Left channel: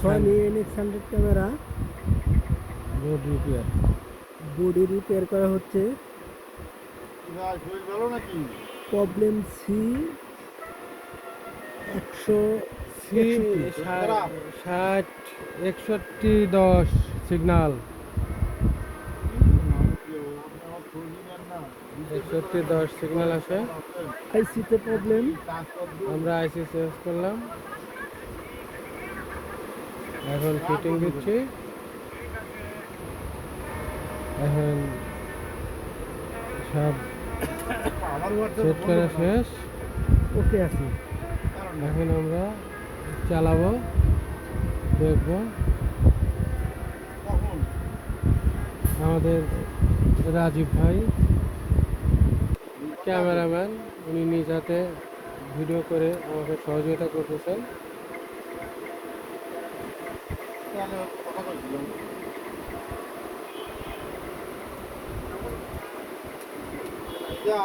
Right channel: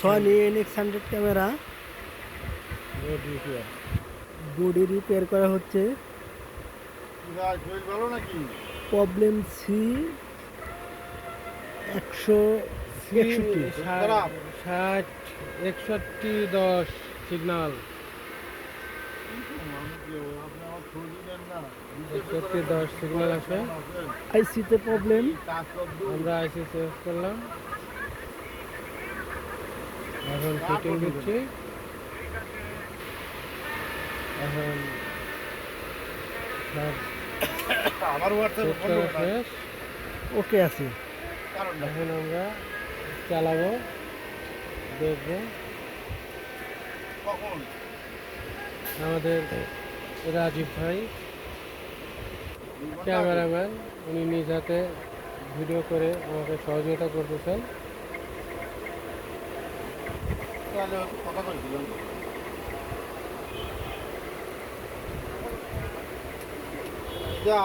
Sony NX100 camera body repair করা হচ্ছে। Problem C 6110 signal 6110 signal আছে। আইসিতে প্রবলেম। আমরা আইসি চেঞ্জ করলাম, এখন ফিটিং দিচ্ছি। এখন সব চেক করা শেষ, ওকে আছে। এখন আমরা চালাবো, দেখবো। আমাদের রাজীব ভাই ক্যামেরাম্যান, উনি নিজ হাতে ভিডিও করে আমাকে সহযোগিতা করতেছেন। যা